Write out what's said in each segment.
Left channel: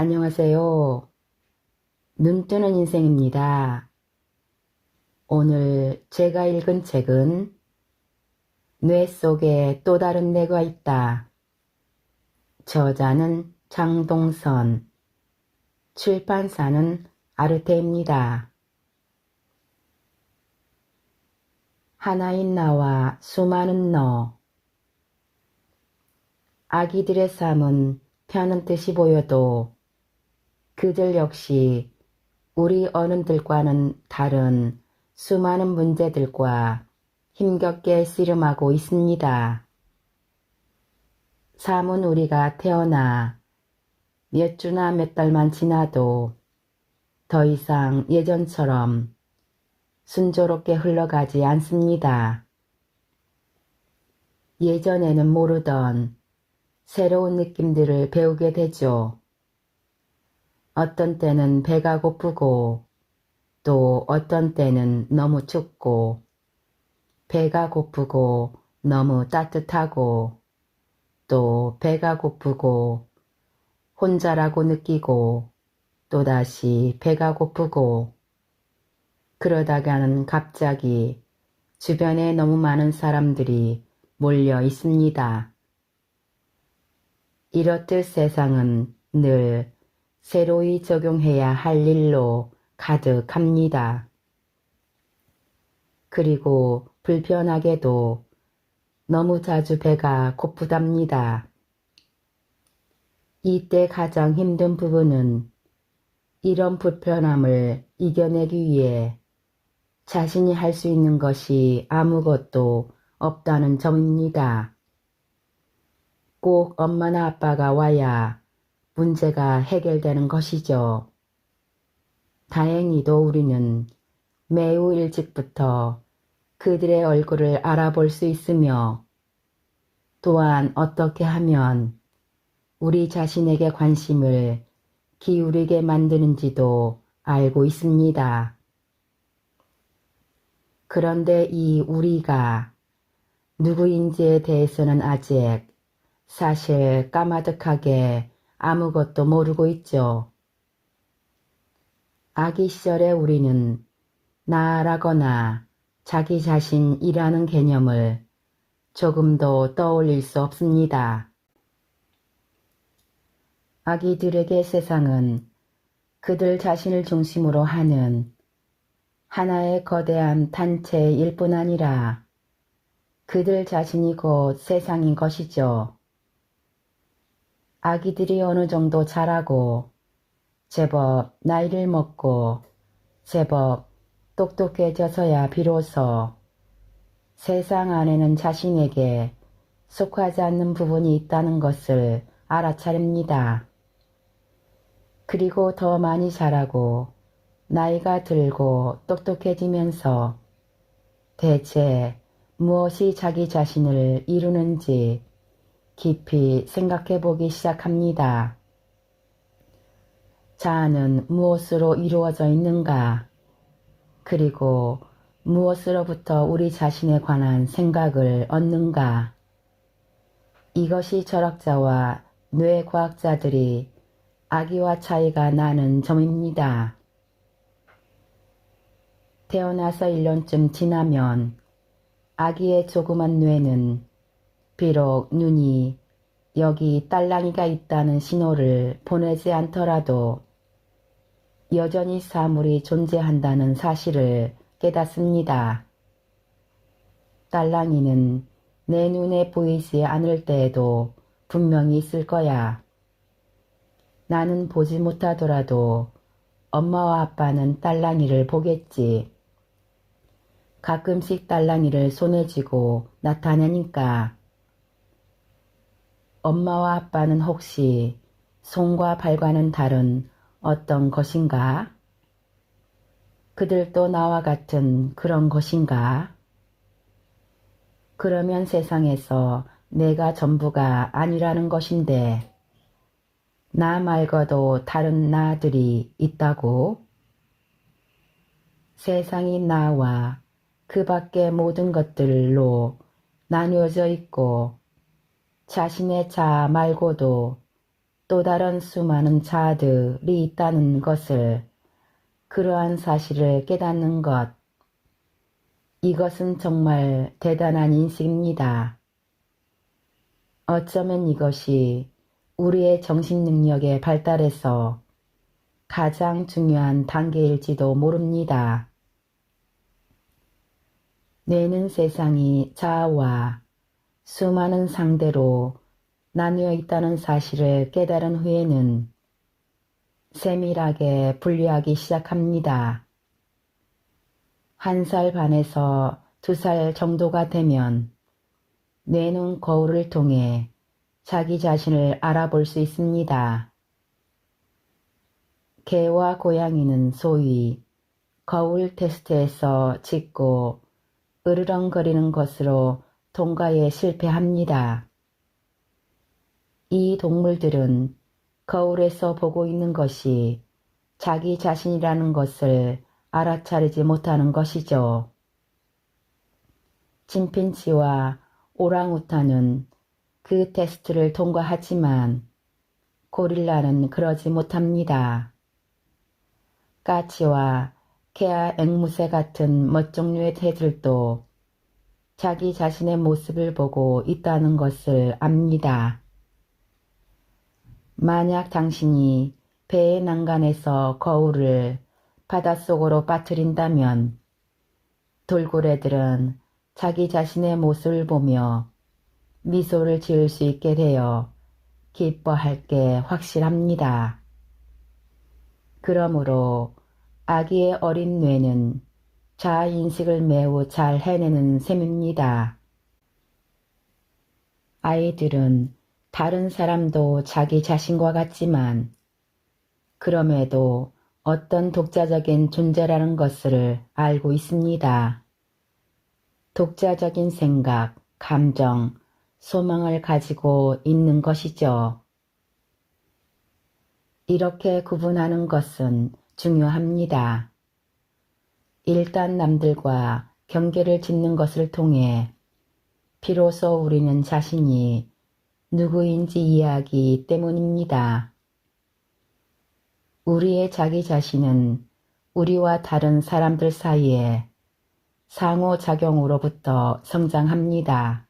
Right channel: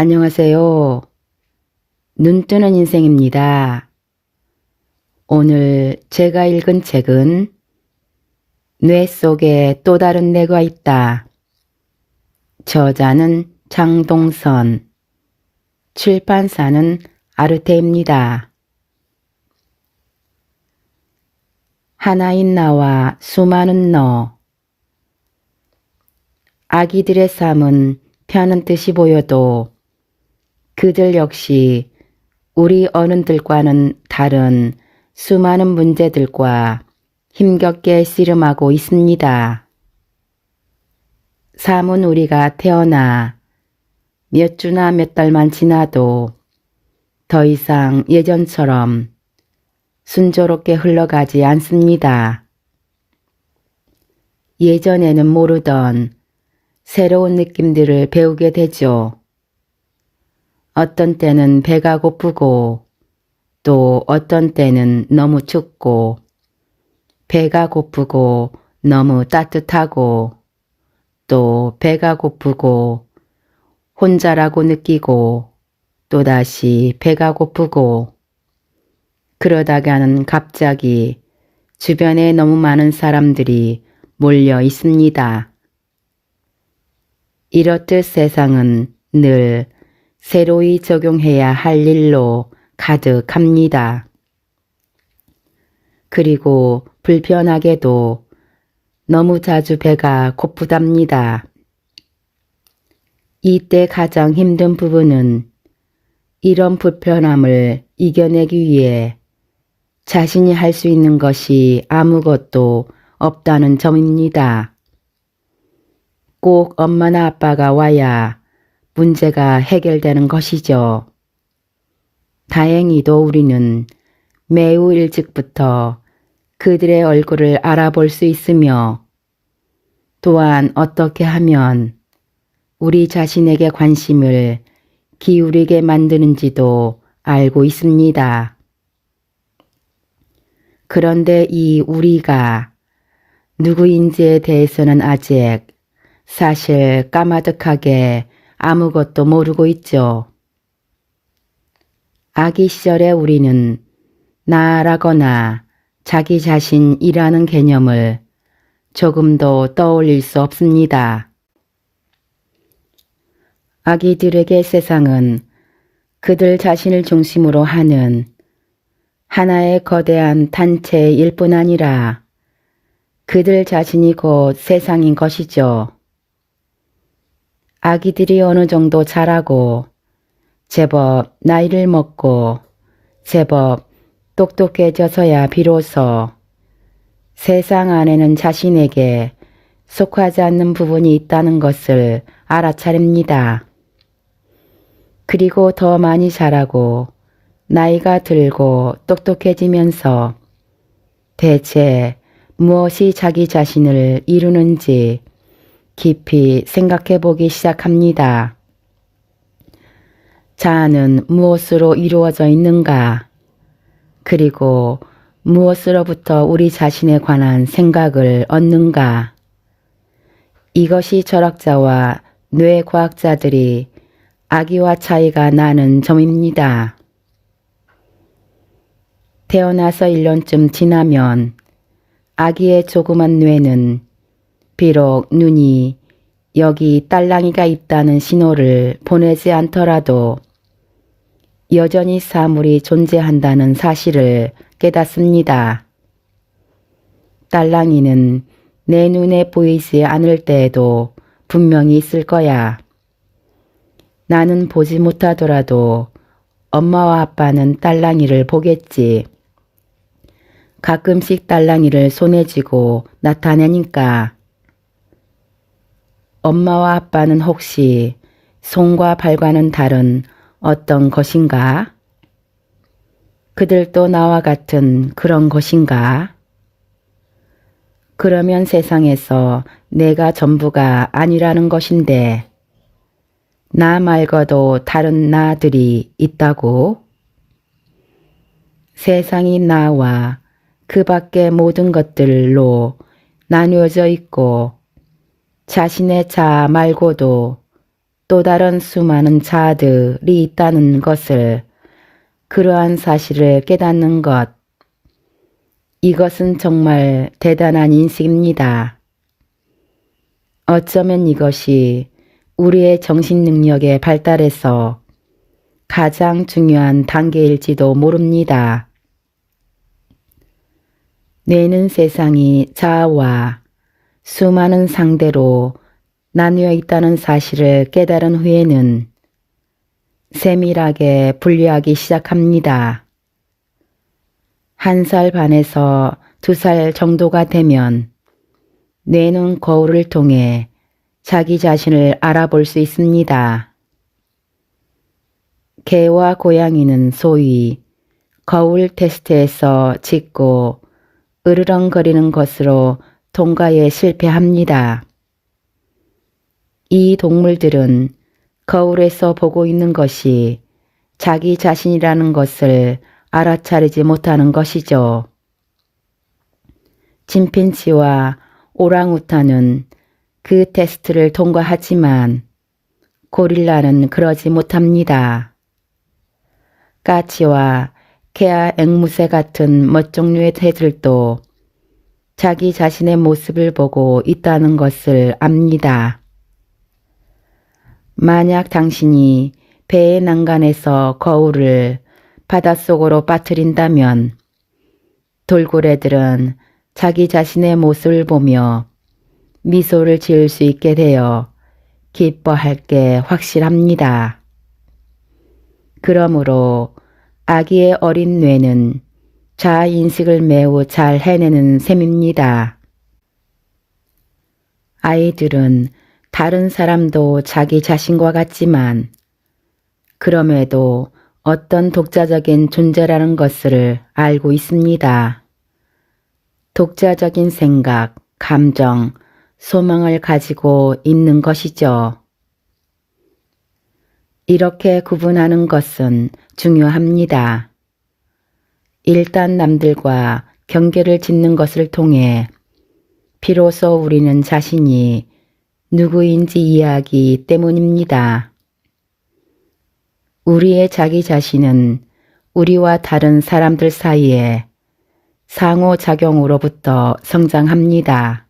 안녕하세요. 눈뜨는 인생입니다. 오늘 제가 읽은 책은 뇌 속에 또 다른 내가 있다. 저자는 장동선, 출판사는 아르테입니다. 하나인 나와 수많은 너. 아기들의 삶은 편한 듯이 보여도 그들 역시 우리 어른들과는 다른 수많은 문제들과 힘겹게 씨름하고 있습니다. 삶은 우리가 태어나 몇 주나 몇 달만 지나도 더 이상 예전처럼 순조롭게 흘러가지 않습니다. 예전에는 모르던 새로운 느낌들을 배우게 되죠. 어떤 때는 배가 고프고 또 어떤 때는 너무 춥고 배가 고프고 너무 따뜻하고 또 배가 고프고 혼자라고 느끼고 또다시 배가 고프고 그러다가는 갑자기 주변에 너무 많은 사람들이 몰려 있습니다. 이렇듯 세상은 늘 새로이 적용해야 할 일로 가득합니다. 그리고 불편하게도 너무 자주 배가 고프답니다. 이때 가장 힘든 부분은 이런 불편함을 이겨내기 위해 자신이 할 수 있는 것이 아무것도 없다는 점입니다. 꼭 엄마나 아빠가 와야 문제가 해결되는 것이죠. 다행히도 우리는 매우 일찍부터 그들의 얼굴을 알아볼 수 있으며 또한 어떻게 하면 우리 자신에게 관심을 기울이게 만드는지도 알고 있습니다. 그런데 이 우리가 누구인지에 대해서는 아직 사실 까마득하게 아무것도 모르고 있죠. 아기 시절에 우리는 나라거나 자기 자신이라는 개념을 조금도 떠올릴 수 없습니다. 아기들에게 세상은 그들 자신을 중심으로 하는 하나의 거대한 단체일 뿐 아니라 그들 자신이 곧 세상인 것이죠. 아기들이 어느 정도 자라고 제법 나이를 먹고 제법 똑똑해져서야 비로소 세상 안에는 자신에게 속하지 않는 부분이 있다는 것을 알아차립니다. 그리고 더 많이 자라고 나이가 들고 똑똑해지면서 대체 무엇이 자기 자신을 이루는지 깊이 생각해 보기 시작합니다. 자아는 무엇으로 이루어져 있는가? 그리고 무엇으로부터 우리 자신에 관한 생각을 얻는가? 이것이 철학자와 뇌과학자들이 아기와 차이가 나는 점입니다. 태어나서 1년쯤 지나면 아기의 조그만 뇌는 비록 눈이 여기 딸랑이가 있다는 신호를 보내지 않더라도 여전히 사물이 존재한다는 사실을 깨닫습니다. 딸랑이는 내 눈에 보이지 않을 때에도 분명히 있을 거야. 나는 보지 못하더라도 엄마와 아빠는 딸랑이를 보겠지. 가끔씩 딸랑이를 손에 쥐고 나타내니까. 엄마와 아빠는 혹시 손과 발과는 다른 어떤 것인가? 그들도 나와 같은 그런 것인가? 그러면 세상에서 내가 전부가 아니라는 것인데 나 말고도 다른 나들이 있다고? 세상이 나와 그 밖의 모든 것들로 나뉘어져 있고 자신의 자아 말고도 또 다른 수많은 자아들이 있다는 것을, 그러한 사실을 깨닫는 것, 이것은 정말 대단한 인식입니다. 어쩌면 이것이 우리의 정신 능력의 발달에서 가장 중요한 단계일지도 모릅니다. 뇌는 세상이 자아와 수많은 상대로 나뉘어 있다는 사실을 깨달은 후에는 세밀하게 분류하기 시작합니다. 1살 반에서 2살 정도가 되면 뇌는 거울을 통해 자기 자신을 알아볼 수 있습니다. 개와 고양이는 소위 거울 테스트에서 짖고 으르렁거리는 것으로 통과에 실패합니다. 이 동물들은 거울에서 보고 있는 것이 자기 자신이라는 것을 알아차리지 못하는 것이죠. 침팬지와 오랑우탄은 그 테스트를 통과하지만 고릴라는 그러지 못합니다. 까치와 개와 앵무새 같은 멋종류의 새들도 자기 자신의 모습을 보고 있다는 것을 압니다. 만약 당신이 배의 난간에서 거울을 바닷속으로 빠뜨린다면 돌고래들은 자기 자신의 모습을 보며 미소를 지을 수 있게 되어 기뻐할 게 확실합니다. 그러므로 아기의 어린 뇌는 자아인식을 매우 잘 해내는 셈입니다. 아이들은 다른 사람도 자기 자신과 같지만 그럼에도 어떤 독자적인 존재라는 것을 알고 있습니다. 독자적인 생각, 감정, 소망을 가지고 있는 것이죠. 이렇게 구분하는 것은 중요합니다. 일단 남들과 경계를 짓는 것을 통해 비로소 우리는 자신이 누구인지 이해하기 때문입니다. 우리의 자기 자신은 우리와 다른 사람들 사이에 상호작용으로부터 성장합니다.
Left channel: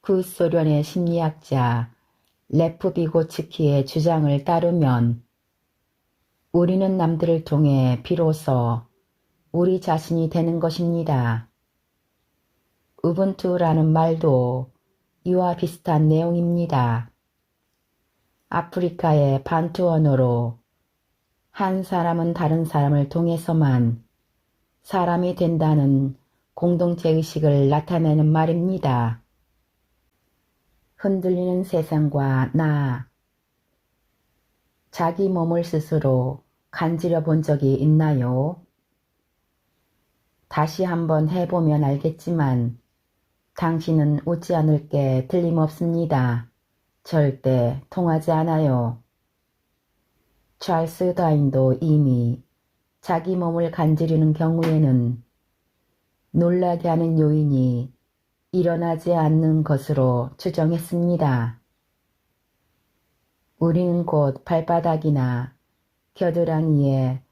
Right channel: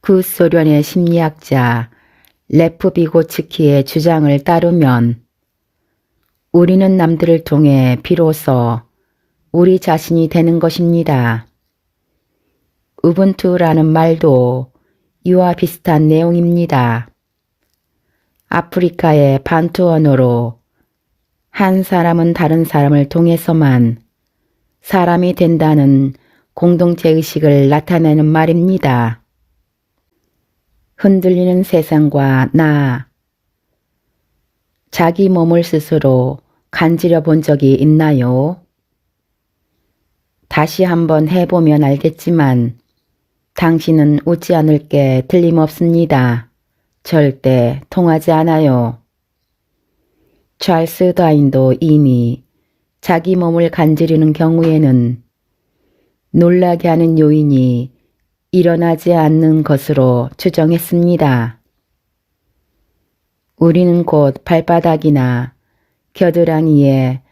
구소련의 심리학자 레프 비고츠키의 주장을 따르면 우리는 남들을 통해 비로소 우리 자신이 되는 것입니다. 우분투라는 말도 이와 비슷한 내용입니다. 아프리카의 반투 언어로 한 사람은 다른 사람을 통해서만 사람이 된다는 공동체 의식을 나타내는 말입니다. 흔들리는 세상과 나, 자기 몸을 스스로 간지려 본 적이 있나요? 다시 한번 해보면 알겠지만 당신은 웃지 않을 게 틀림없습니다. 절대 통하지 않아요. 찰스 다윈도 이미 자기 몸을 간지리는 경우에는 놀라게 하는 요인이 일어나지 않는 것으로 추정했습니다. 우리는 곧 발바닥이나 겨드랑이에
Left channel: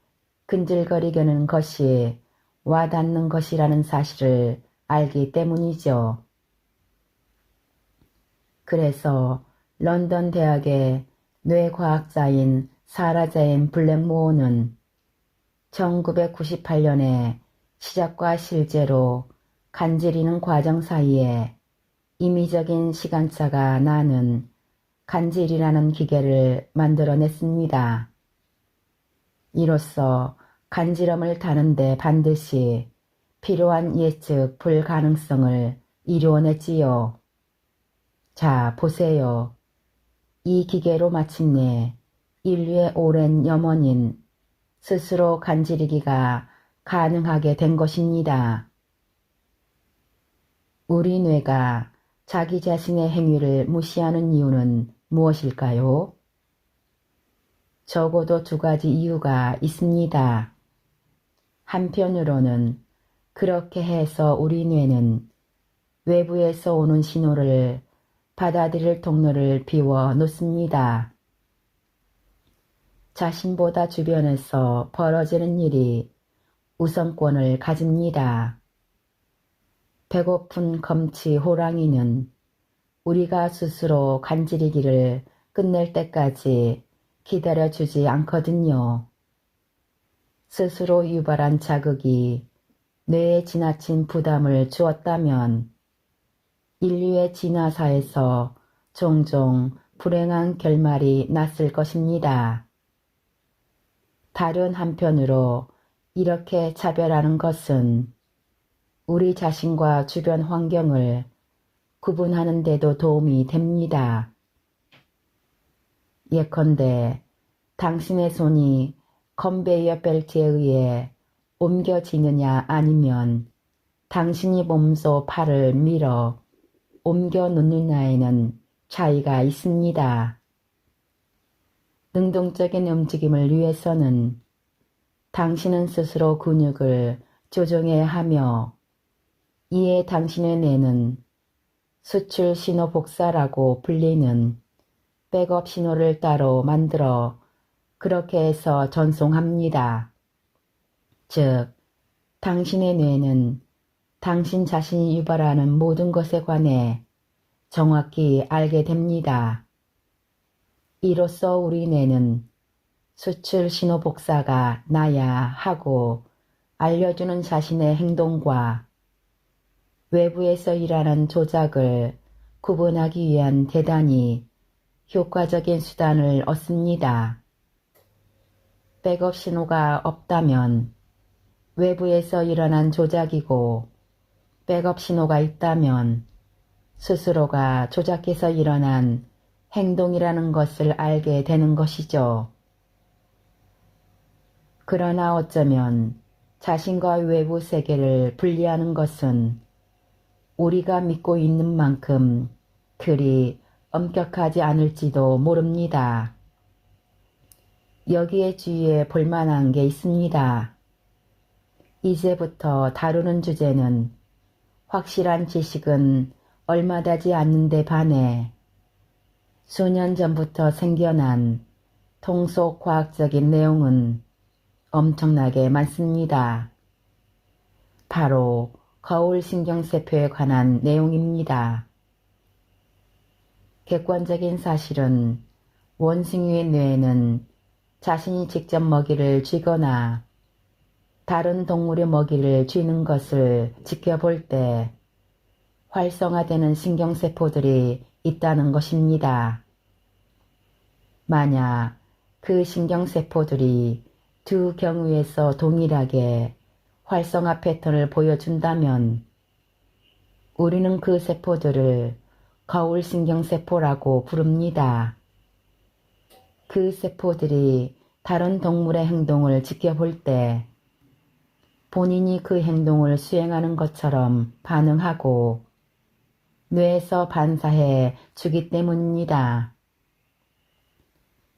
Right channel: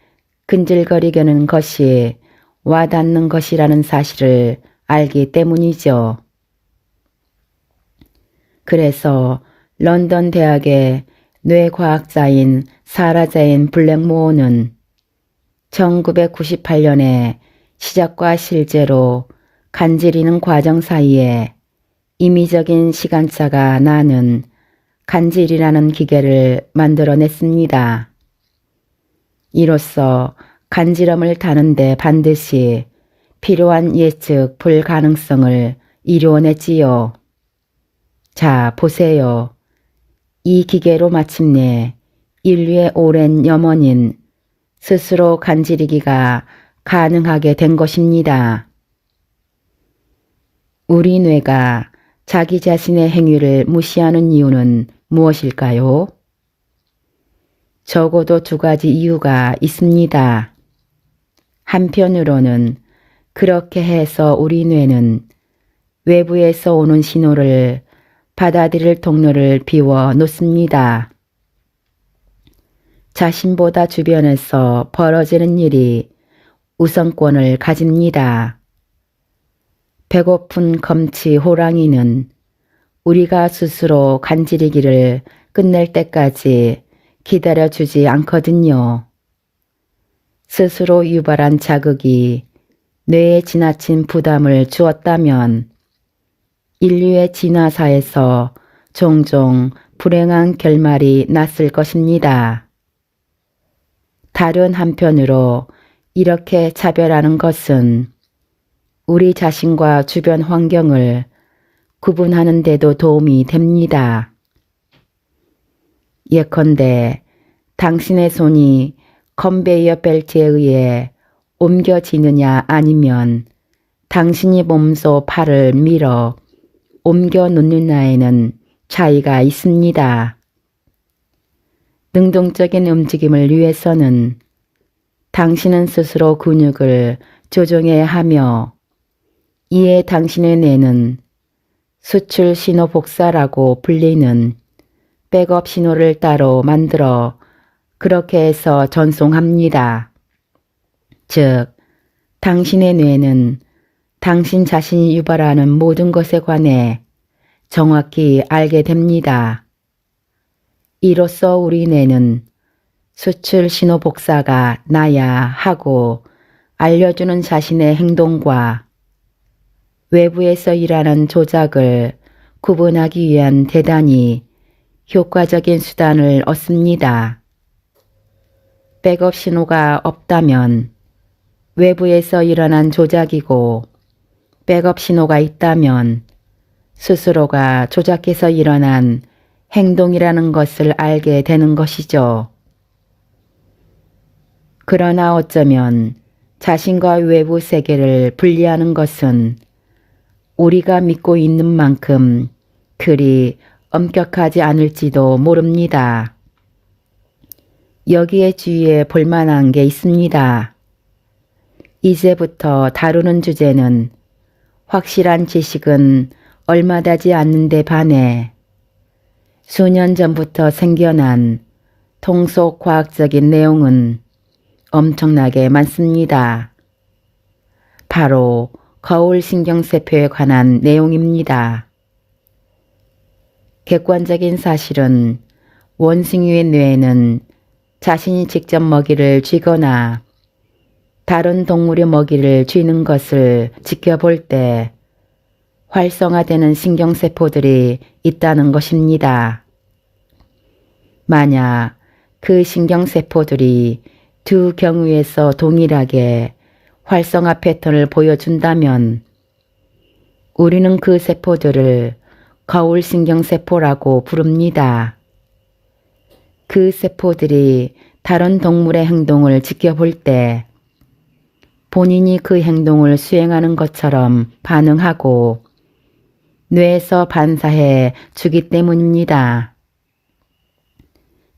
근질거리게 하는 것이 와닿는 것이라는 사실을 알기 때문이죠. 그래서 런던 대학의 뇌과학자인 사라 제인 블랙모어는 1998년에 시작과 실제로 간지리는 과정 사이에 임의적인 시간차가 나는 간질이라는 기계를 만들어냈습니다. 이로써 간지럼을 다는데 반드시 필요한 예측 불가능성을 이루어냈지요. 자, 보세요. 이 기계로 마침내 인류의 오랜 염원인 스스로 간지리기가 가능하게 된 것입니다. 우리 뇌가 자기 자신의 행위를 무시하는 이유는 무엇일까요? 적어도 2가지 이유가 있습니다. 한편으로는 그렇게 해서 우리 뇌는 외부에서 오는 신호를 받아들일 통로를 비워 놓습니다. 자신보다 주변에서 벌어지는 일이 우선권을 가집니다. 배고픈 검치 호랑이는 우리가 스스로 간지리기를 끝낼 때까지 기다려주지 않거든요. 스스로 유발한 자극이 뇌에 지나친 부담을 주었다면 인류의 진화사에서 종종 불행한 결말이 났을 것입니다. 다른 한편으로 이렇게 차별하는 것은 우리 자신과 주변 환경을 구분하는 데도 도움이 됩니다. 예컨대 당신의 손이 컨베이어 벨트에 의해 옮겨지느냐 아니면 당신이 몸소 팔을 밀어 옮겨 놓느냐에는 차이가 있습니다. 능동적인 움직임을 위해서는 당신은 스스로 근육을 조정해야 하며 이에 당신의 뇌는 수출 신호 복사라고 불리는 백업 신호를 따로 만들어 그렇게 해서 전송합니다. 즉, 당신의 뇌는 당신 자신이 유발하는 모든 것에 관해 정확히 알게 됩니다. 이로써 우리 뇌는 수출 신호 복사가 나야 하고 알려주는 자신의 행동과 외부에서 일하는 조작을 구분하기 위한 대단히 효과적인 수단을 얻습니다. 백업 신호가 없다면 외부에서 일어난 조작이고 백업 신호가 있다면 스스로가 조작해서 일어난 행동이라는 것을 알게 되는 것이죠. 그러나 어쩌면 자신과 외부 세계를 분리하는 것은 우리가 믿고 있는 만큼 그리 엄격하지 않을지도 모릅니다. 여기에 주의해 볼 만한 게 있습니다. 이제부터 다루는 주제는 확실한 지식은 얼마 되지 않는데 반해 수년 전부터 생겨난 통속 과학적인 내용은 엄청나게 많습니다. 바로 거울신경세포에 관한 내용입니다. 객관적인 사실은 원숭이의 뇌에는 자신이 직접 먹이를 쥐거나 다른 동물의 먹이를 쥐는 것을 지켜볼 때 활성화되는 신경세포들이 있다는 것입니다. 만약 그 신경세포들이 두 경우에서 동일하게 활성화 패턴을 보여준다면 우리는 그 세포들을 거울신경세포라고 부릅니다. 그 세포들이 다른 동물의 행동을 지켜볼 때 본인이 그 행동을 수행하는 것처럼 반응하고 뇌에서 반사해 주기 때문입니다.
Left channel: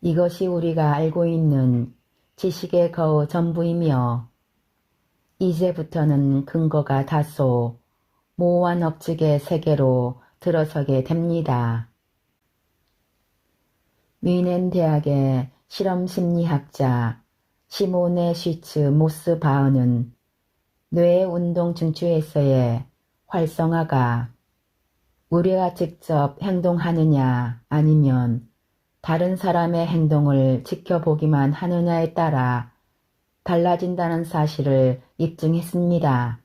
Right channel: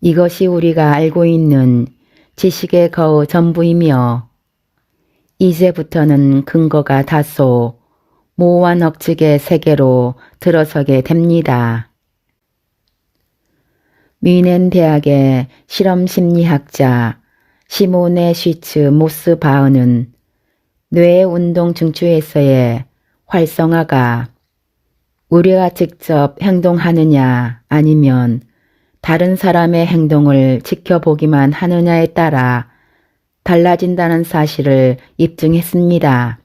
이것이 우리가 알고 있는 지식의 거의 전부이며 이제부터는 근거가 다소 모호한 억측의 세계로 들어서게 됩니다. 뮌헨 대학의 실험심리학자 시모네 쉬츠 모스바흐는 뇌의 운동 중추에서의 활성화가 우리가 직접 행동하느냐 아니면 다른 사람의 행동을 지켜보기만 하느냐에 따라 달라진다는 사실을 입증했습니다.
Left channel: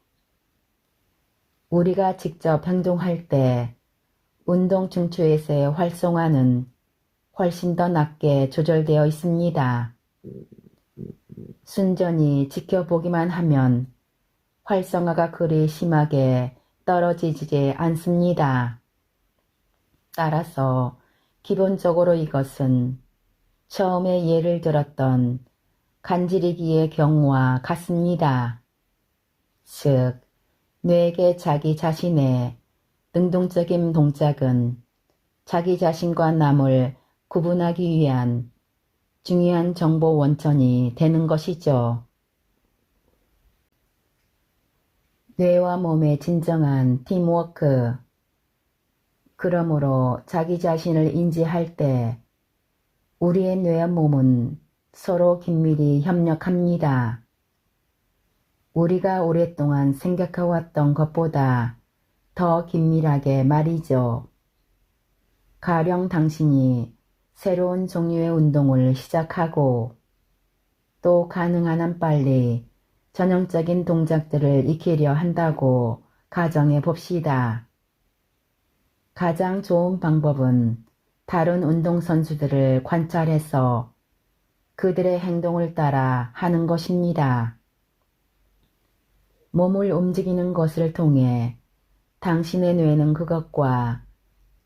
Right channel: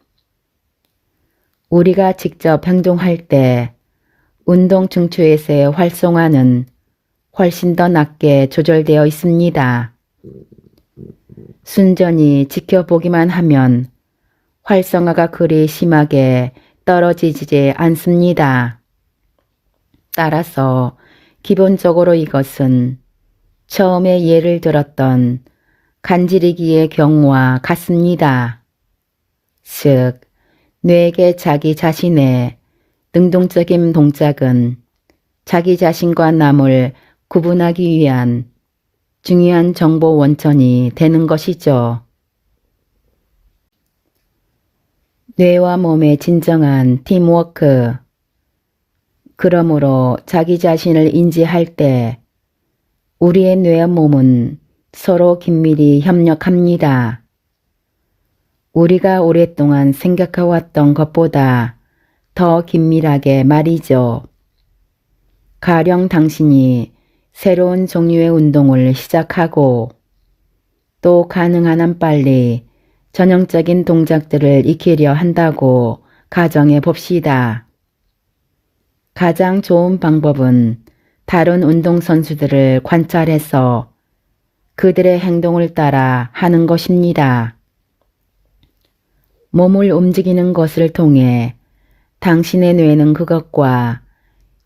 우리가 직접 행동할 때 운동 중추에서의 활성화는 훨씬 더 낮게 조절되어 있습니다. 순전히 지켜보기만 하면 활성화가 그리 심하게 떨어지지 않습니다. 따라서 기본적으로 이것은 처음에 예를 들었던 간지리기의 경우와 같습니다. 즉, 뇌에게 자기 자신의 능동적인 동작은 자기 자신과 남을 구분하기 위한 중요한 정보 원천이 되는 것이죠. 뇌와 몸의 진정한 팀워크. 그러므로 자기 자신을 인지할 때 우리의 뇌와 몸은 서로 긴밀히 협력합니다. 우리가 오랫동안 생각해왔던 것보다 더 긴밀하게 말이죠. 가령 당신이 새로운 종류의 운동을 시작하고 또 가능한 한 빨리 전형적인 동작들을 익히려 한다고 가정해 봅시다. 가장 좋은 방법은 다른 운동선수들을 관찰해서 그들의 행동을 따라 하는 것입니다. 몸을 움직이는 것을 통해 당신의 뇌는 그것과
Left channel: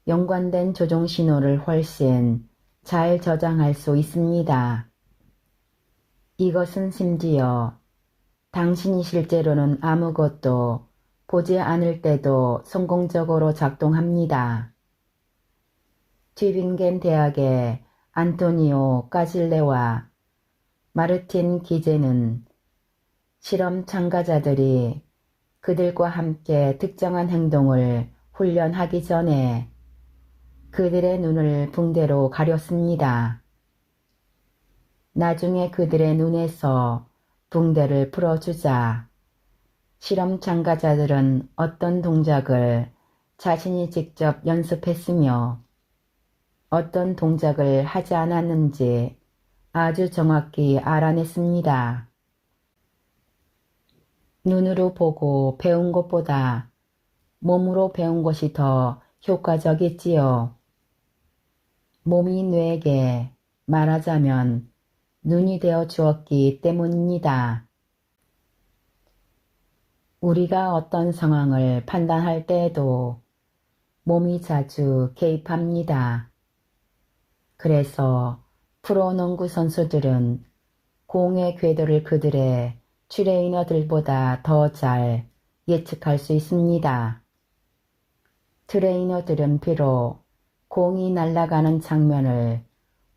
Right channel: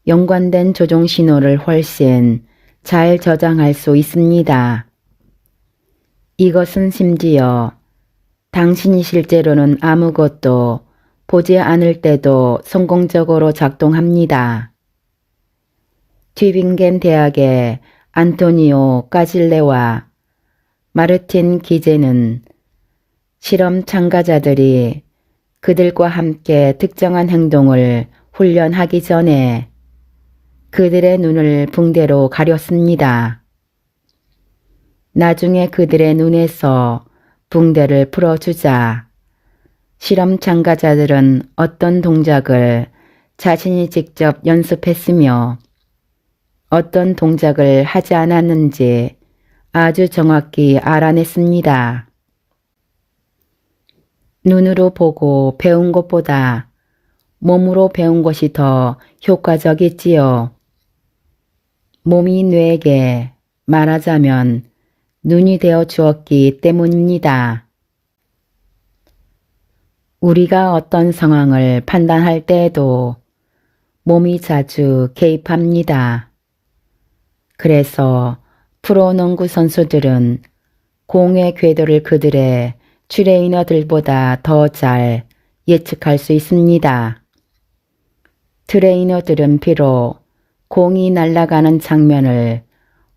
연관된 조종 신호를 훨씬 잘 저장할 수 있습니다. 이것은 심지어 당신이 실제로는 아무것도 보지 않을 때도 성공적으로 작동합니다. 튜빙겐 대학의 안토니오 까질레와 마르틴 기제는 실험 참가자들이 그들과 함께 특정한 행동을 훈련하기 전에 그들의 눈을 붕대로 가렸습니다. 나중에 그들의 눈에서 붕대를 풀어주자 실험 참가자들은 어떤 동작을 자신이 직접 연습했으며 어떤 동작을 하지 않았는지 아주 정확히 알아냈습니다. 눈으로 보고 배운 것보다 몸으로 배운 것이 더 효과적이지요. 몸이 뇌에게 말하자면 눈이 되어 주었기 때문입니다. 우리가 어떤 상황을 판단할 때에도 몸이 자주 개입합니다. 그래서 프로농구 선수들은 공의 궤도를 그들의 트레이너들보다 더 잘 예측할 수 있습니다. 트레이너들은 비록 공이 날아가는 장면을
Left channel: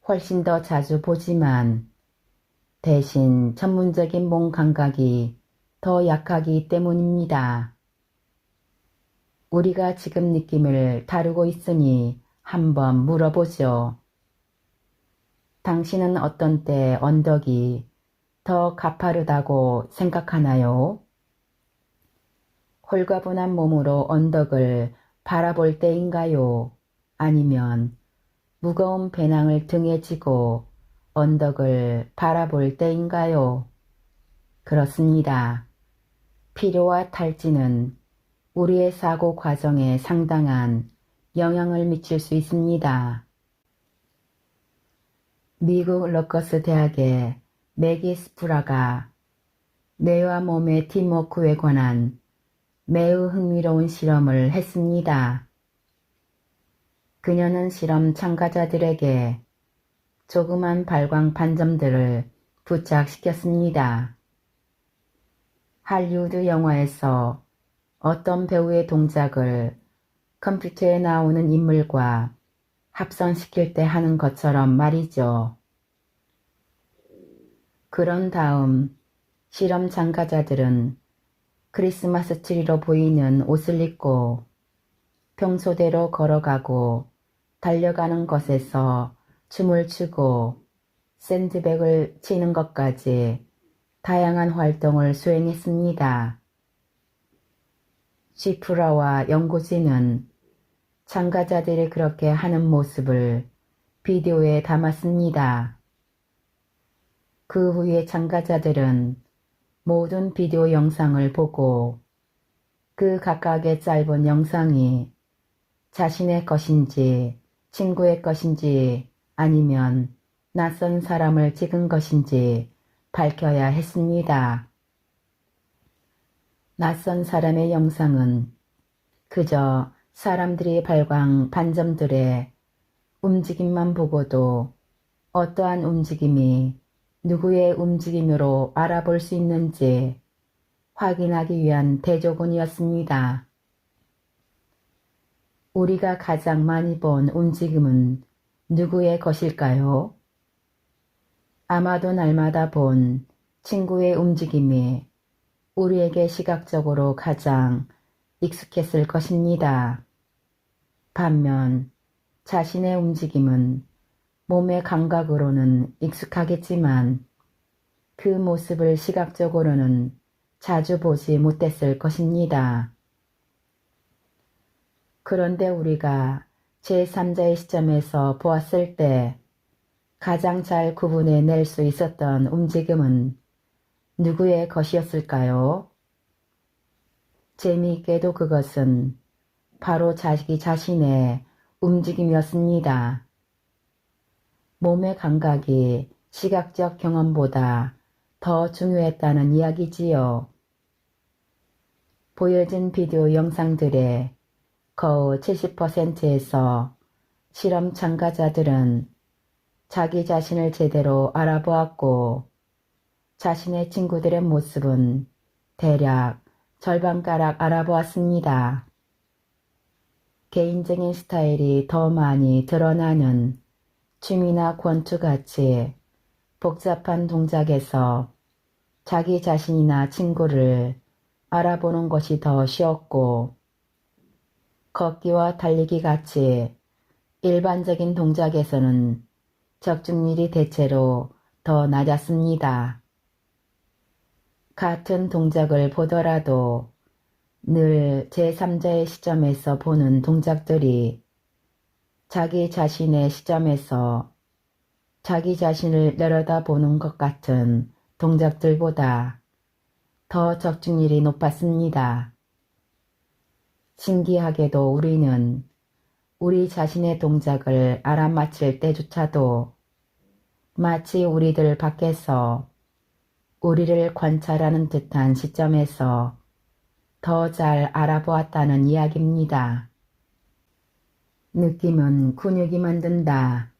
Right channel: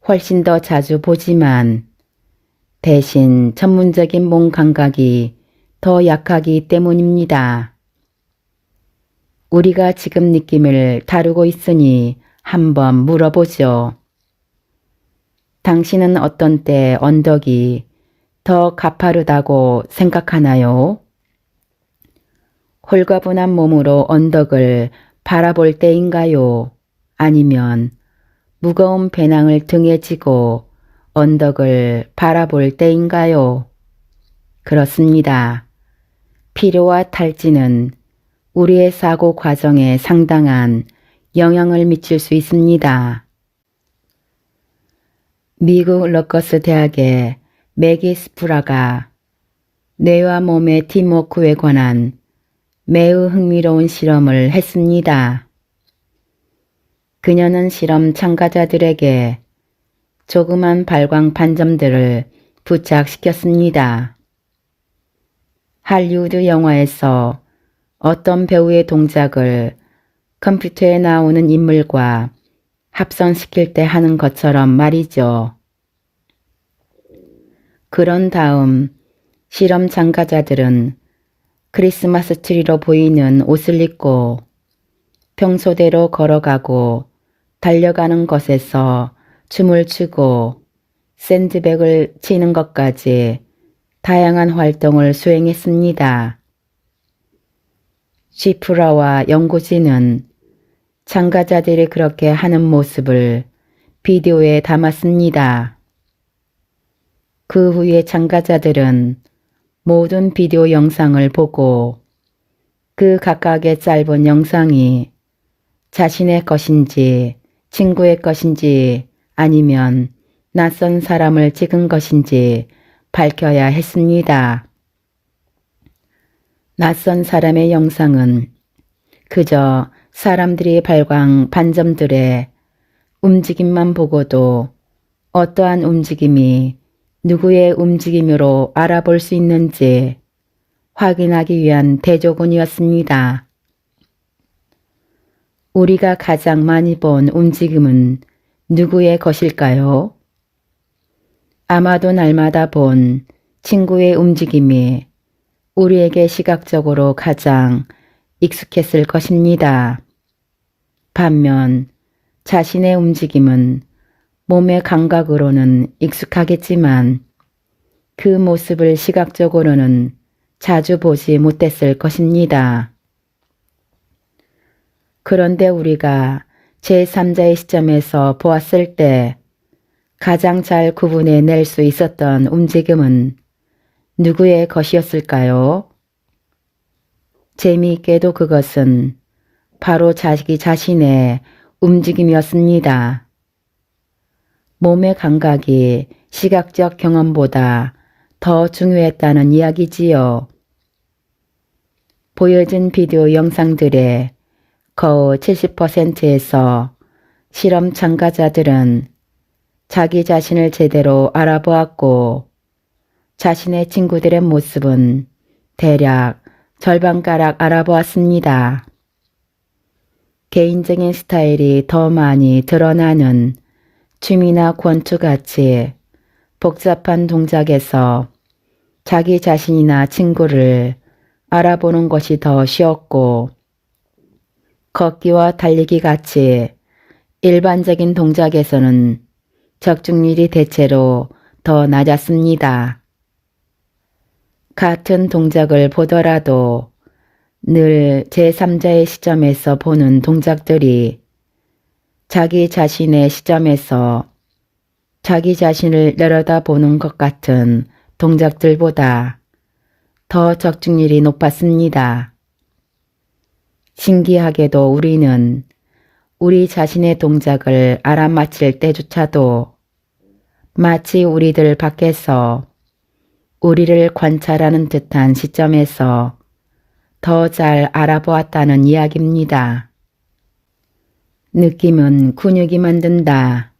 훨씬 더 자주 보지만 대신 전문적인 몸 감각이 더 약하기 때문입니다. 우리가 지금 느낌을 다루고 있으니 한번 물어보죠. 당신은 어떤 때 언덕이 더 가파르다고 생각하나요? 홀가분한 몸으로 언덕을 바라볼 때인가요? 아니면 무거운 배낭을 등에 지고 언덕을 바라볼 때인가요? 그렇습니다. 필요와 탈지는 우리의 사고 과정에 상당한 영향을 미칠 수 있습니다. 미국 러커스 대학의 매기 스프라가 뇌와 몸의 팀워크에 관한 매우 흥미로운 실험을 했습니다. 그녀는 실험 참가자들에게 조그만 발광 반점들을 부착시켰습니다. 할리우드 영화에서 어떤 배우의 동작을 컴퓨터에 나오는 인물과 합성시킬 때 하는 것처럼 말이죠. 그런 다음 실험 참가자들은 크리스마스 트리로 보이는 옷을 입고 평소대로 걸어가고 달려가는 것에서 춤을 추고 샌드백을 치는 것까지 다양한 활동을 수행했습니다. 시프라와 연구진은 참가자들이 그렇게 하는 모습을 비디오에 담았습니다. 그 후에 참가자들은 모든 비디오 영상을 보고 그 각각의 짧은 영상이 자신의 것인지 친구의 것인지 아니면 낯선 사람을 찍은 것인지 밝혀야 했습니다. 낯선 사람의 영상은 그저 사람들이 발광 반점들의 움직임만 보고도 어떠한 움직임이 누구의 움직임으로 알아볼 수 있는지 확인하기 위한 대조군이었습니다. 우리가 가장 많이 본 움직임은 누구의 것일까요? 아마도 날마다 본 친구의 움직임이 우리에게 시각적으로 가장 익숙했을 것입니다. 반면 자신의 움직임은 몸의 감각으로는 익숙하겠지만 그 모습을 시각적으로는 자주 보지 못했을 것입니다. 그런데 우리가 제3자의 시점에서 보았을 때 가장 잘 구분해 낼 수 있었던 움직임은 누구의 것이었을까요? 재미있게도 그것은 바로 자기 자신의 움직임이었습니다. 몸의 감각이 시각적 경험보다 더 중요했다는 이야기지요. 보여진 비디오 영상들의 거의 70%에서 실험 참가자들은 자기 자신을 제대로 알아보았고 자신의 친구들의 모습은 대략 절반가량 알아보았습니다. 개인적인 스타일이 더 많이 드러나는 춤이나 권투같이 복잡한 동작에서 자기 자신이나 친구를 알아보는 것이 더 쉬웠고 걷기와 달리기 같이 일반적인 동작에서는 적중률이 대체로 더 낮았습니다. 같은 동작을 보더라도 늘 제3자의 시점에서 보는 동작들이 자기 자신의 시점에서 자기 자신을 내려다보는 것 같은 동작들보다 더 적중률이 높았습니다. 신기하게도 우리는 우리 자신의 동작을 알아맞힐 때조차도 마치 우리들 밖에서 우리를 관찰하는 듯한 시점에서 더 잘 알아보았다는 이야기입니다. 느낌은 근육이 만든다.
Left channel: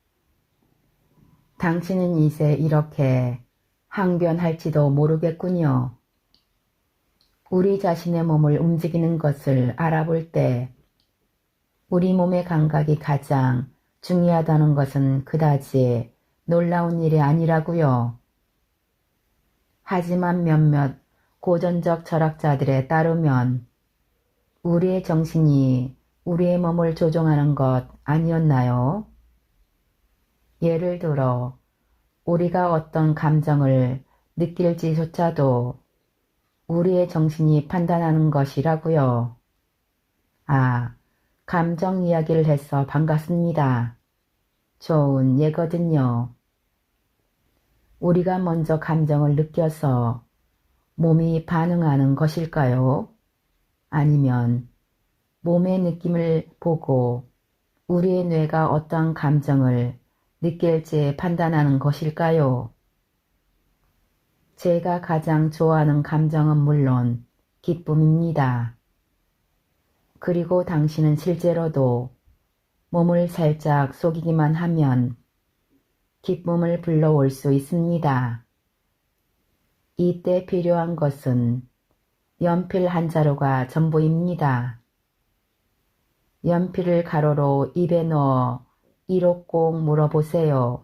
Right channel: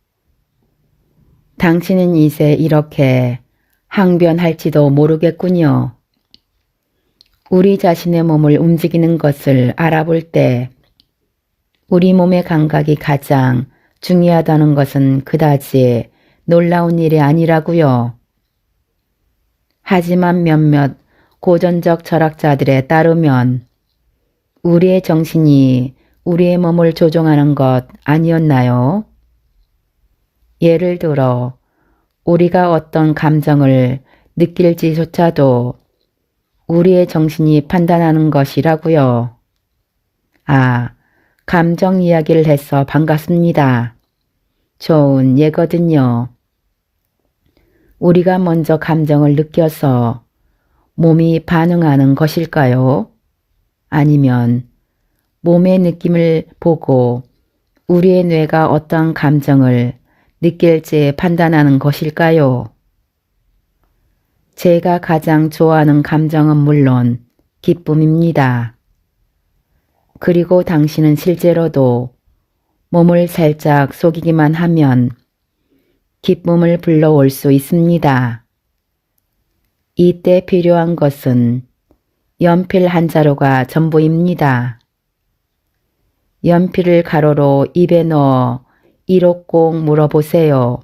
당신은 이제 이렇게 항변할지도 모르겠군요. 우리 자신의 몸을 움직이는 것을 알아볼 때 우리 몸의 감각이 가장 중요하다는 것은 그다지 놀라운 일이 아니라고요. 하지만 몇몇 고전적 철학자들에 따르면 우리의 정신이 우리의 몸을 조종하는 것 아니었나요? 예를 들어 우리가 어떤 감정을 느낄지조차도 우리의 정신이 판단하는 것이라고요. 아, 감정 이야기를 해서 반갑습니다. 좋은 예거든요. 우리가 먼저 감정을 느껴서 몸이 반응하는 것일까요? 아니면 몸의 느낌을 보고 우리의 뇌가 어떤 감정을 느낄지 판단하는 것일까요? 제가 가장 좋아하는 감정은 물론 기쁨입니다. 그리고 당신은 실제로도 몸을 살짝 속이기만 하면 기쁨을 불러올 수 있습니다. 이때 필요한 것은 연필 한 자루가 전부입니다. 연필을 가로로 입에 넣어 이로 꼭 물어보세요.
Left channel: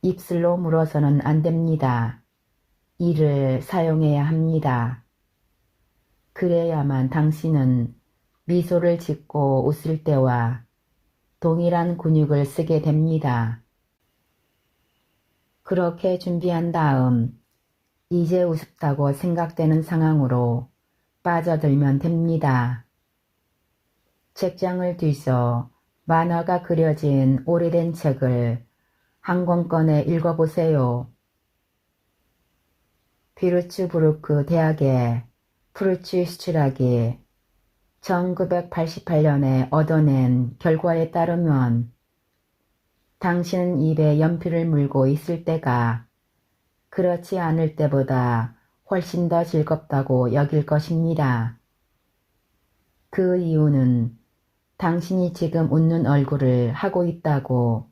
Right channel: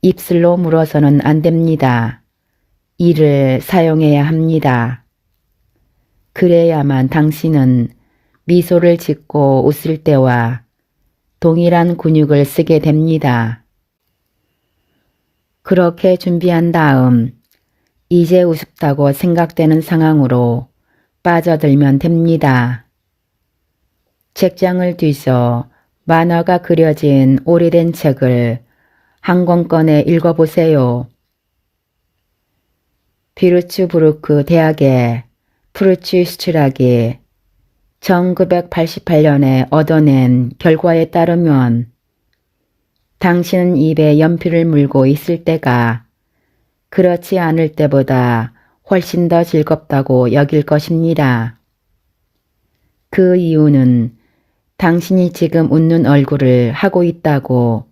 입술로 물어서는 안 됩니다. 이를 사용해야 합니다. 그래야만 당신은 미소를 짓고 웃을 때와 동일한 근육을 쓰게 됩니다. 그렇게 준비한 다음 이제 우습다고 생각되는 상황으로 빠져들면 됩니다. 책장을 뒤져 만화가 그려진 오래된 책을 한 권 꺼내 읽어보세요. 비르츠부르크 대학의 프루츠 슈트락이 1988년에 얻어낸 결과에 따르면 당신은 입에 연필을 물고 있을 때가 그렇지 않을 때보다 훨씬 더 즐겁다고 여길 것입니다. 그 이유는 당신이 지금 웃는 얼굴을 하고 있다고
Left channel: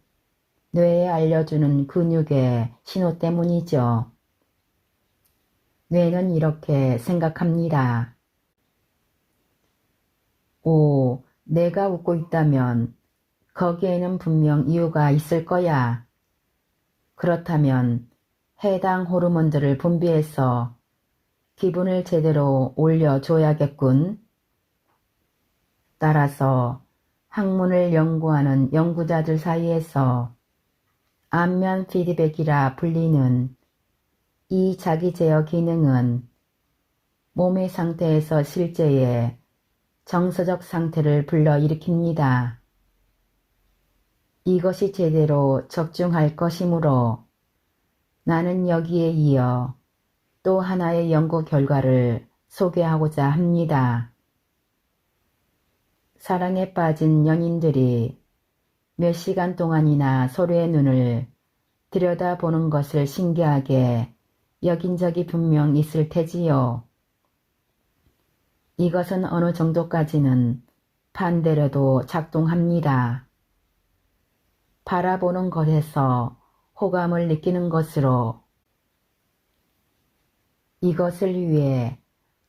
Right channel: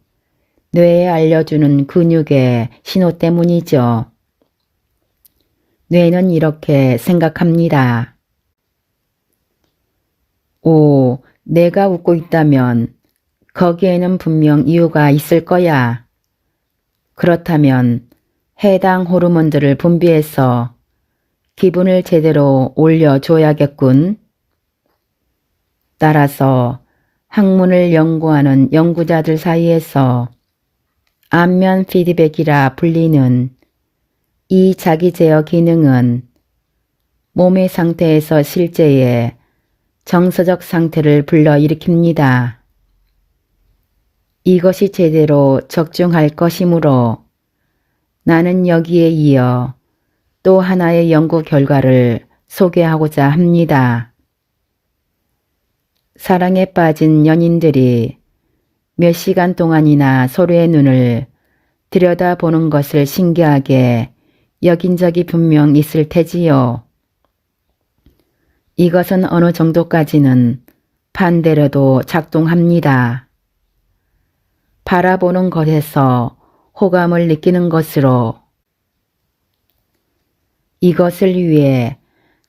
뇌에 알려주는 근육의 신호 때문이죠. 뇌는 이렇게 생각합니다. 오, 내가 웃고 있다면 거기에는 분명 이유가 있을 거야. 그렇다면 해당 호르몬들을 분비해서 기분을 제대로 올려줘야겠군. 따라서 학문을 연구하는 연구자들 사이에서 안면 피드백이라 불리는 이 자기 제어 기능은 몸의 상태에서 실제의 정서적 상태를 불러일으킵니다. 이것이 제대로 적중할 것이므로 나는 여기에 이어 또 하나의 연구 결과를 소개하고자 합니다. 사랑에 빠진 연인들이 몇 시간 동안이나 서로의 눈을 들여다보는 것을 신기하게 여긴 적이 분명 있을 테지요. 이것은 어느 정도까지는 반대로도 작동합니다. 바라보는 것에서 호감을 느끼는 것으로 이것을 위해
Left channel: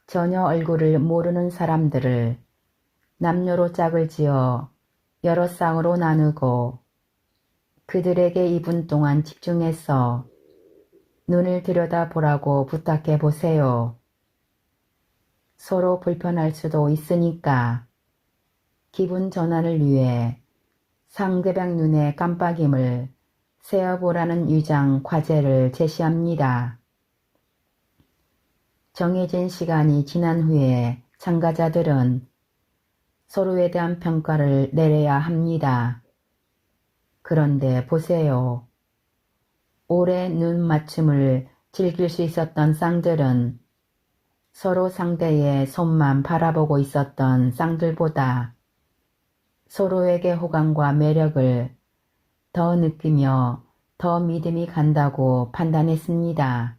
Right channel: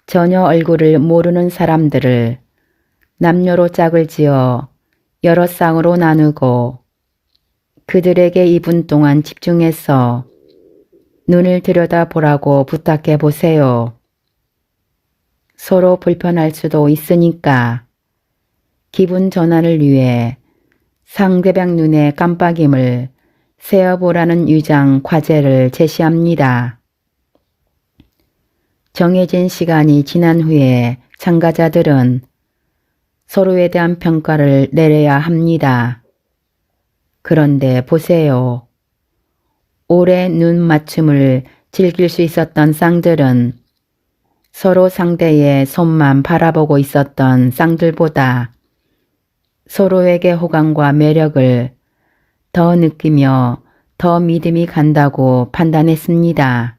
전혀 얼굴을 모르는 사람들을 남녀로 짝을 지어 여러 쌍으로 나누고 그들에게 2분 동안 집중해서 눈을 들여다보라고 부탁해 보세요. 서로 불편할 수도 있으니까 기분 전환을 위해 상대방 눈의 깜빡임을 세어보라는 유장 과제를 제시합니다. 정해진 시간이 지난 후에 참가자들은 서로에 대한 평가를 내려야 합니다. 그런데 보세요. 오래 눈 맞춤을 즐길 수 있었던 쌍들은 서로 상대의 손만 바라보고 있었던 쌍들보다 서로에게 호감과 매력을 더 느끼며 더 믿음이 간다고 판단했습니다.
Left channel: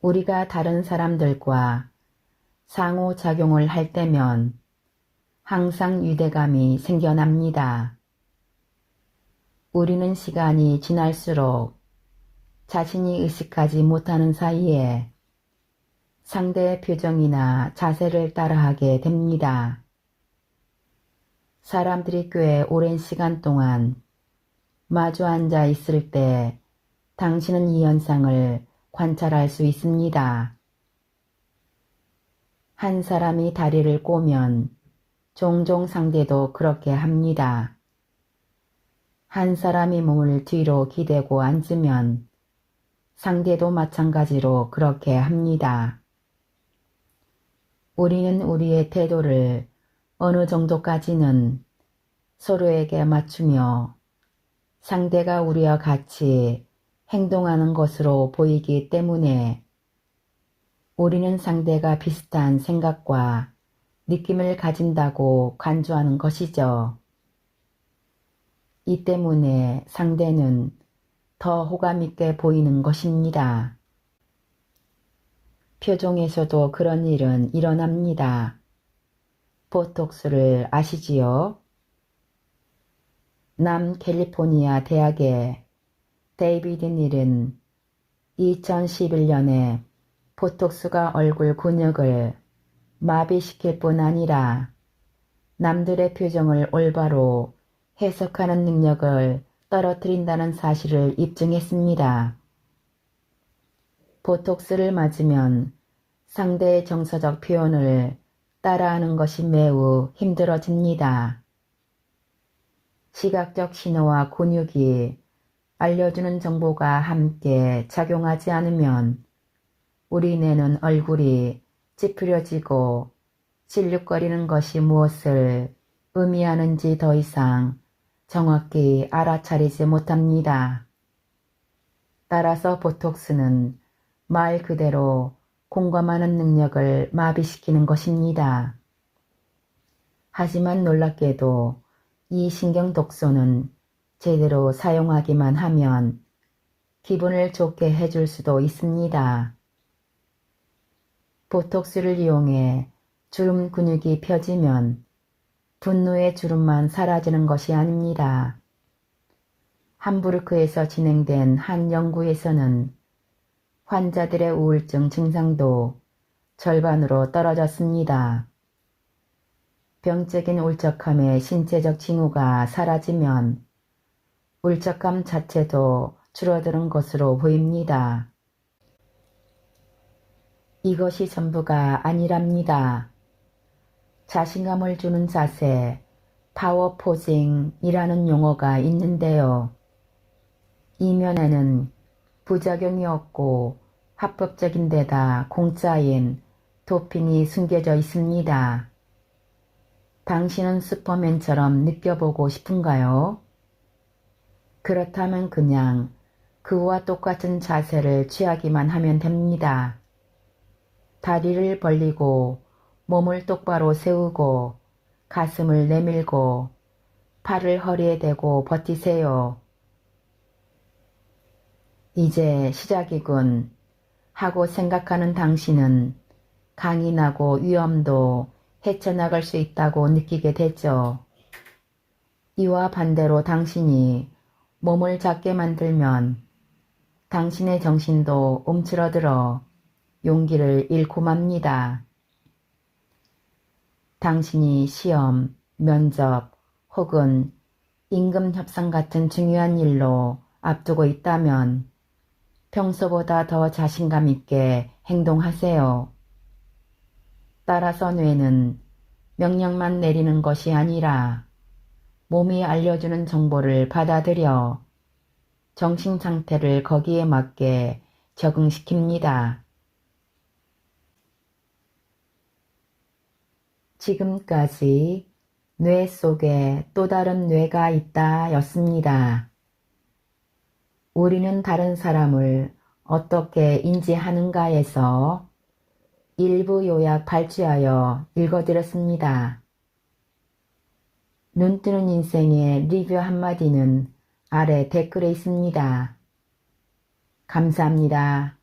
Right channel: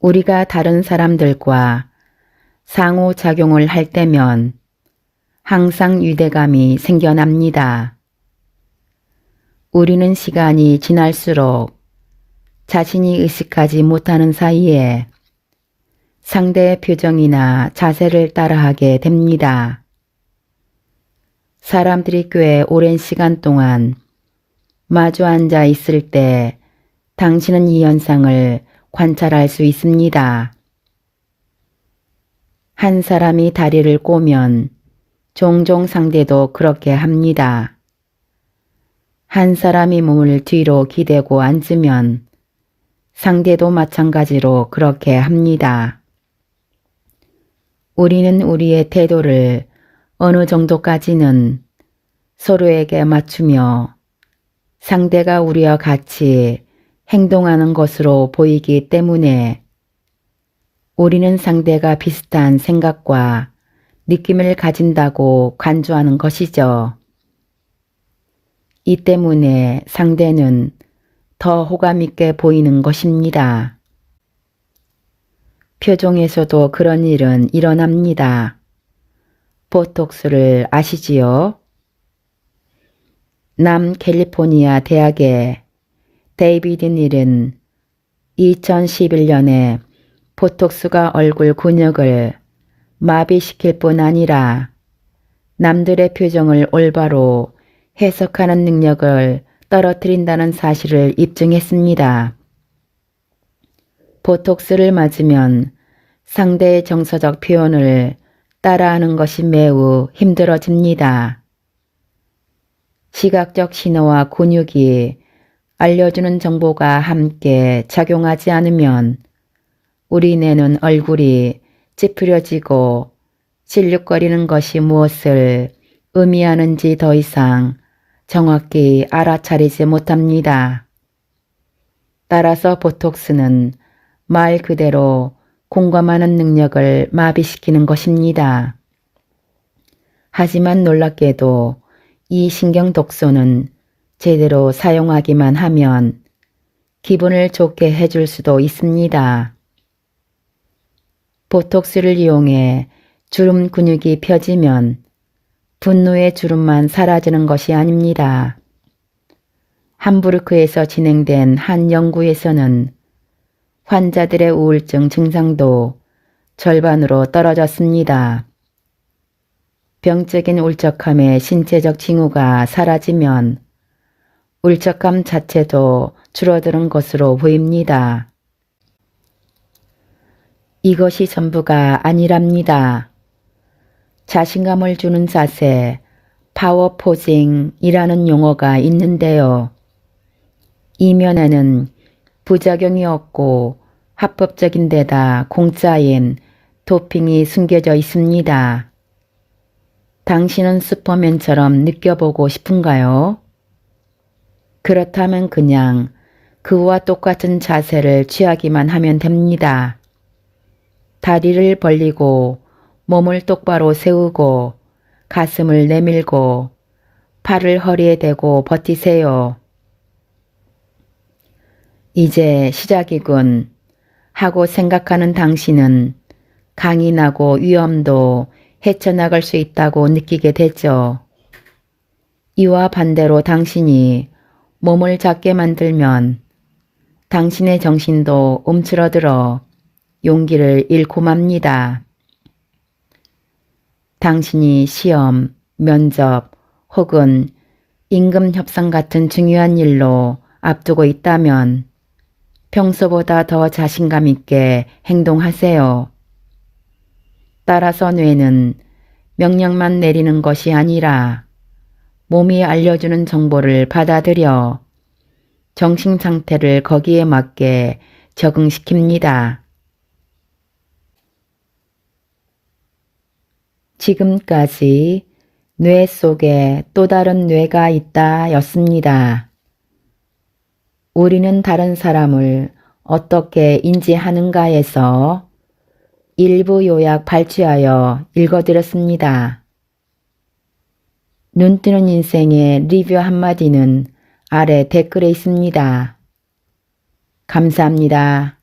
우리가 다른 사람들과 상호작용을 할 때면 항상 유대감이 생겨납니다. 우리는 시간이 지날수록 자신이 의식하지 못하는 사이에 상대의 표정이나 자세를 따라하게 됩니다. 사람들이 꽤 오랜 시간 동안 마주 앉아 있을 때 당신은 이 현상을 관찰할 수 있습니다. 한 사람이 다리를 꼬면 종종 상대도 그렇게 합니다. 한 사람이 몸을 뒤로 기대고 앉으면 상대도 마찬가지로 그렇게 합니다. 우리는 우리의 태도를 어느 정도까지는 서로에게 맞추며 상대가 우리와 같이 행동하는 것으로 보이기 때문에 우리는 상대가 비슷한 생각과 느낌을 가진다고 간주하는 것이죠. 이 때문에 상대는 더 호감 있게 보이는 것입니다. 표정에서도 그런 일은 일어납니다. 보톡스를 아시지요? 남캘리포니아 대학의 데이비드 닐은 2011년에 보톡스가 얼굴 근육을 마비시킬 뿐 아니라 남들의 표정을 올바로 해석하는 능력을 떨어뜨린다는 사실을 입증했습니다. 보톡스를 맞으면 상대의 정서적 표현을 따라하는 것이 매우 힘들어집니다. 시각적 신호와 근육이 알려주는 정보가 함께 작용하지 않으면 우리 뇌는 얼굴이 찌푸려지고 질룩거리는 것이 무엇을 의미하는지 더 이상 정확히 알아차리지 못합니다. 따라서 보톡스는 말 그대로 공감하는 능력을 마비시키는 것입니다. 하지만 놀랍게도 이 신경 독소는 제대로 사용하기만 하면 기분을 좋게 해줄 수도 있습니다. 보톡스를 이용해 주름 근육이 펴지면 분노의 주름만 사라지는 것이 아닙니다. 함부르크에서 진행된 한 연구에서는 환자들의 우울증 증상도 절반으로 떨어졌습니다. 병적인 울적함의 신체적 징후가 사라지면 울적함 자체도 줄어드는 것으로 보입니다. 이것이 전부가 아니랍니다. 자신감을 주는 자세, 파워 포징이라는 용어가 있는데요. 이면에는 부작용이 없고 합법적인 데다 공짜인 도핑이 숨겨져 있습니다. 당신은 슈퍼맨처럼 느껴보고 싶은가요? 그렇다면 그냥 그와 똑같은 자세를 취하기만 하면 됩니다. 다리를 벌리고 몸을 똑바로 세우고 가슴을 내밀고 팔을 허리에 대고 버티세요. 이제 시작이군 하고 생각하는 당신은 강인하고 위험도 헤쳐나갈 수 있다고 느끼게 되죠. 이와 반대로 당신이 몸을 작게 만들면 당신의 정신도 움츠러들어 용기를 잃고 맙니다. 당신이 시험, 면접 혹은 임금 협상 같은 중요한 일로 앞두고 있다면 평소보다 더 자신감 있게 행동하세요. 따라서 뇌는 명령만 내리는 것이 아니라 몸이 알려주는 정보를 받아들여 정신 상태를 거기에 맞게 적응시킵니다. 지금까지 뇌 속에 또 다른 뇌가 있다 였습니다. 우리는 다른 사람을 어떻게 인지하는가에서 일부 요약 발췌하여 읽어드렸습니다. 눈뜨는 인생의 리뷰 한마디는 아래 댓글에 있습니다. 감사합니다.